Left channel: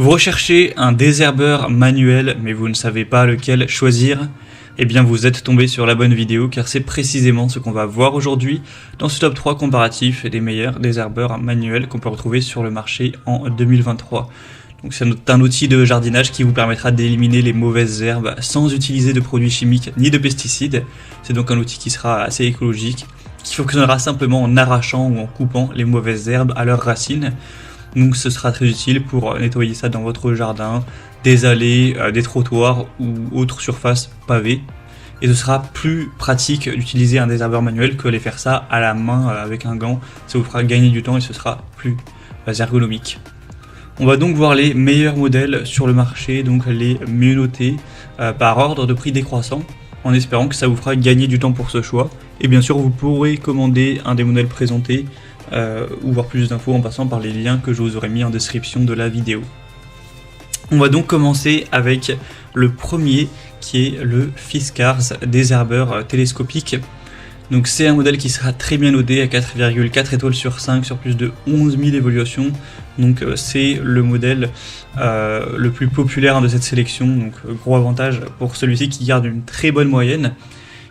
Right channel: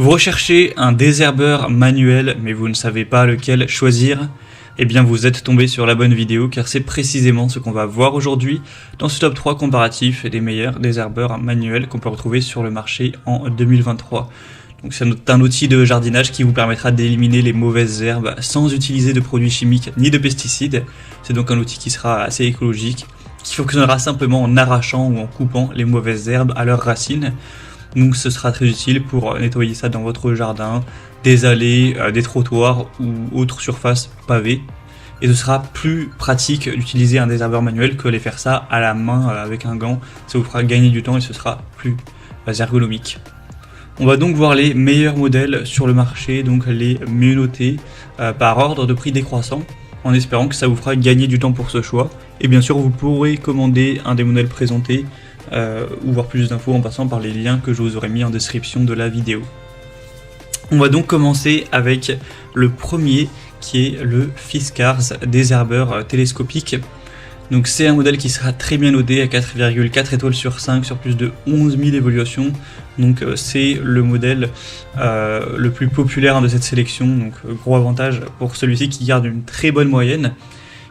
Vous recherchez un désherbeur manuel, mais vous ne savez pas lequel choisir? Eh bien, vous êtes tombé sur la bonne vidéo, car c'est précisément ce qu'on va voir aujourd'hui dans ce top 3 comparatif des meilleurs désherbeurs manuels qu'on peut retrouver sur le marché en 2023. Donc, c'est un outil de jardinage qui vous permettra d'éliminer les mauvaises herbes sans utiliser de produits chimiques ni de pesticides. C'est donc un outil qui sera assez écologique, qui fonctionnera simplement en arrachant ou en coupant les mauvaises herbes à leurs racines. Donc ce sera très utile pour nettoyer ça dans votre jardin, des allées, des trottoirs ou autres surfaces pavées. Et ce sera plus pratique d'utiliser un désherbeur manuel que de faire ça à la main avec un gant. Ça vous fera gagner du temps et ce sera plus ergonomique. On va donc voir les meilleurs modèles sur le marché, donc les mieux notés par ordre de prix décroissant, en espérant que ça vous fera gagner du temps pour ce choix. Et bien sûr, vous pourrez commander un des modèles présentés ou voir plus d'infos en passant par les liens que je vous aurai mis en description de la vidéo. On va donc commencer avec le premier qui est le Fiskars désherbeur télescopique. Donc c'est un modèle qui sera très bien noté à 4,4 étoiles sur 5 sur plus de 11 000 évaluations. Donc c'est le modèle le plus populaire de cette sélection. Donc gros avantage pour celui-ci qui garde une très bonne moyenne.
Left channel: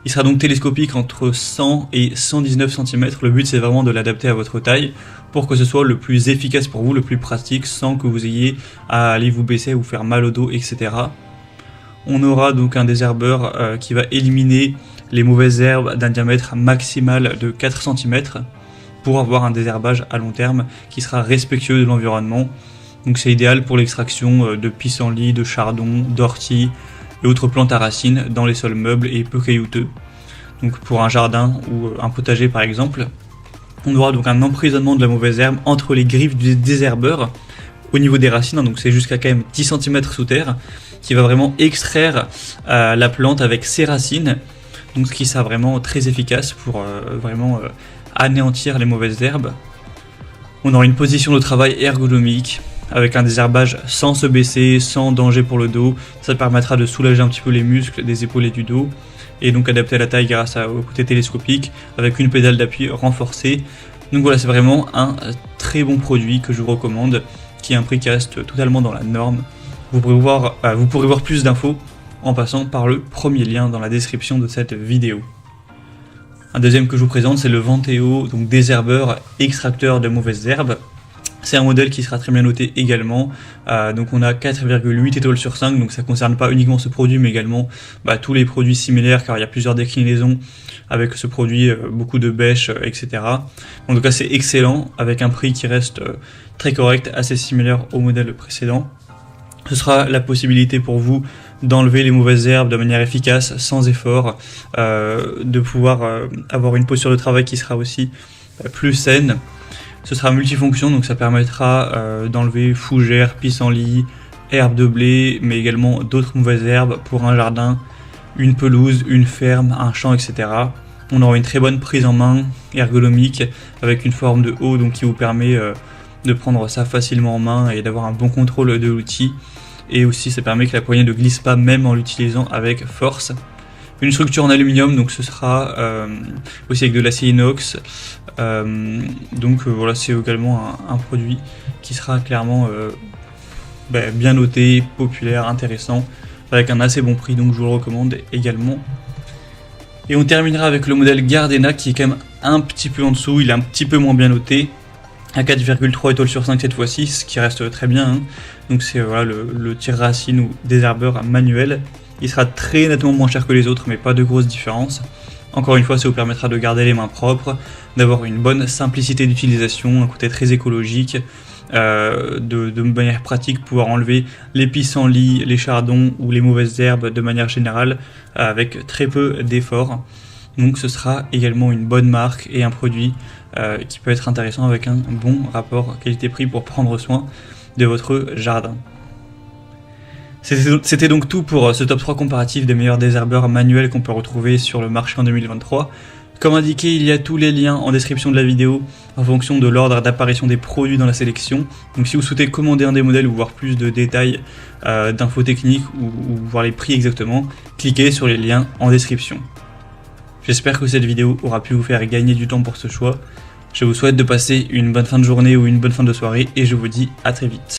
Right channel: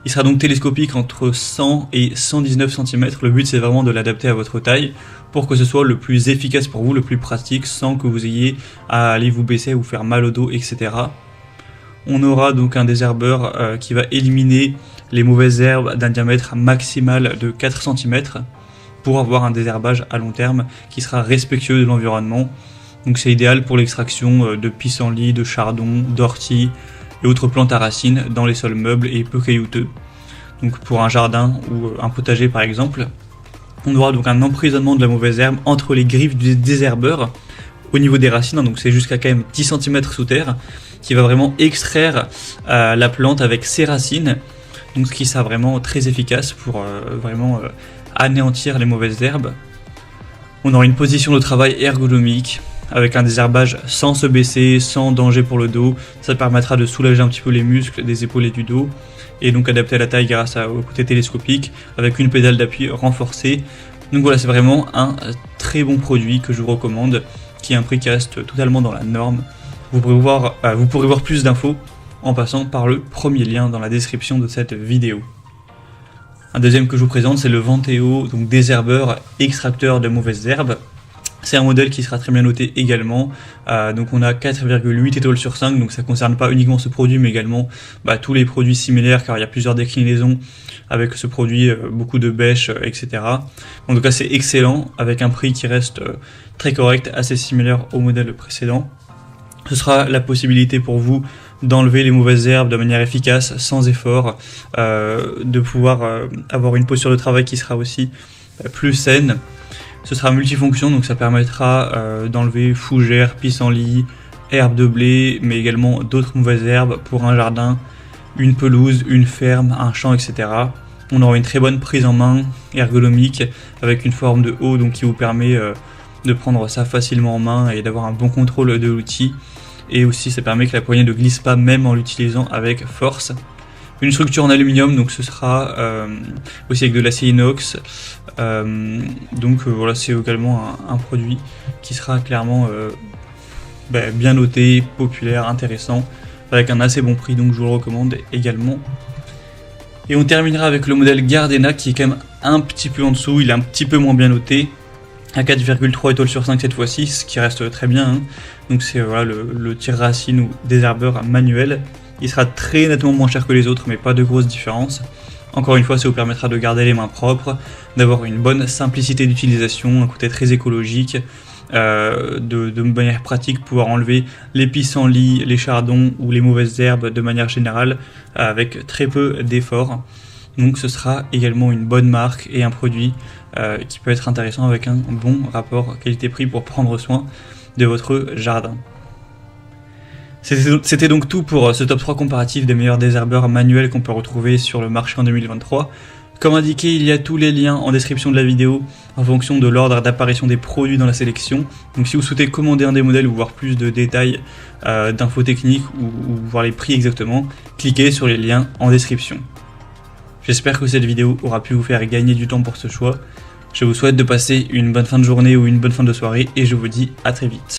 Il sera donc télescopique entre 100 et 119 cm. Le but c'est vraiment de l'adapter à votre taille pour que ce soit le plus efficace pour vous, le plus pratique, sans que vous ayez à aller vous baisser, vous faire mal au dos, etc. On aura donc un désherbeur qui va éliminer les mauvaises herbes d'un diamètre maximal de 4 cm pour avoir un désherbage à long terme qui sera respectueux de l'environnement. Donc c'est idéal pour l'extraction de pissenlits, de chardon, d'orties et autres plantes à racines dans les sols meubles et peu caillouteux. Donc pour un jardin ou un potager par exemple, on aura donc un emprisonnement de la mauvaise herbe entre les griffes du désherbeur au niveau des racines, donc c'est jusqu'à quand même 10 cm sous terre, qui va vraiment extraire la plante avec ses racines, donc ce qui sera vraiment très efficace pour vraiment anéantir les mauvaises herbes. On aura une position de travail ergonomique, avec un désherbage sans se baisser, sans danger pour le dos. Ça permettra de soulager un petit peu les muscles des épaules et du dos, et donc adapter à la taille grâce au côté télescopique, avec une pédale d'appui renforcée. Donc voilà, c'est vraiment un très bon produit que je vous recommande, qui est un prix qui reste totalement dans la norme. Vous pourrez voir plus d'infos en passant par le premier lien dans la description de cette vidéo. Un deuxième que je vous présente, c'est le Venteo, donc désherbeur extracteur de mauvaises herbes. C'est un modèle qui sera très bien noté également. Donc on a 4,8 étoiles sur 5, donc ça concerne pas uniquement ce produit, mais également tous les produits similaires, car il y a plusieurs déclinaisons avec ce produit, beaucoup de bêches, etc. En tout cas c'est excellent, avec un prix qui reste très correct, assez similaire au modèle précédent. Ce sera la possibilité pour vous d'enlever les mauvaises herbes de manière efficace, sans effort, de pouvoir avoir une posture de travail qui sera aussi plus saine. Ce sera multifonction, donc ça permettra d'enlever fougères, pissenlits, herbes de blé, mais également d'autres mauvaises herbes pour un jardin, une pelouse, une ferme, un champ, etc. On aura une très bonne prise en main ergonomique avec une forme de haut, donc qui vous permet de prendre ça facilement en main et d'avoir un bon contrôle de l'outil. Et aussi ça permet que la poignée ne glisse pas même en l'utilisant avec force. Une structure en aluminium, donc ce sera aussi avec de l'acier inox. Voilà, c'est également un produit qui sera clairement bien noté, populaire, intéressant, avec un assez bon prix, donc je vous le recommande également. Et on terminera avec le modèle Gardena qui est quand même un petit peu en dessous, il est un petit peu moins bien noté, à 4,3 étoiles sur 5 cette fois-ci, ce qui reste très bien, hein. Donc c'est voilà, le tire-racine ou désherbeur manuel. Il sera très nettement moins cher que les autres, mais pas de grosses différences. Encore une fois, ça vous permettra de garder les mains propres, d'avoir une bonne simplicité d'utilisation, un côté très écologique, de manière pratique, pouvoir enlever les pissenlits, les chardons ou les mauvaises herbes de manière générale, avec très peu d'efforts. Donc ce sera également une bonne marque et un produit qui peut être intéressant avec un bon rapport qualité-prix pour prendre soin de votre jardin. C'était donc tout pour ce top 3 comparatif des meilleurs désherbeurs manuels qu'on peut retrouver sur le marché en 2023. Comme indiqué, il y a tous les liens en description de la vidéo en fonction de l'ordre d'apparition des produits dans la sélection. Donc si vous souhaitez commander un des modèles ou voir plus de détails, d'infos techniques ou voir les prix exactement, cliquez sur les liens en description. J'espère que cette vidéo aura pu vous faire gagner du temps pour ce choix. Je vous souhaite de passer une bonne fin de journée ou une bonne fin de soirée et je vous dis à très vite.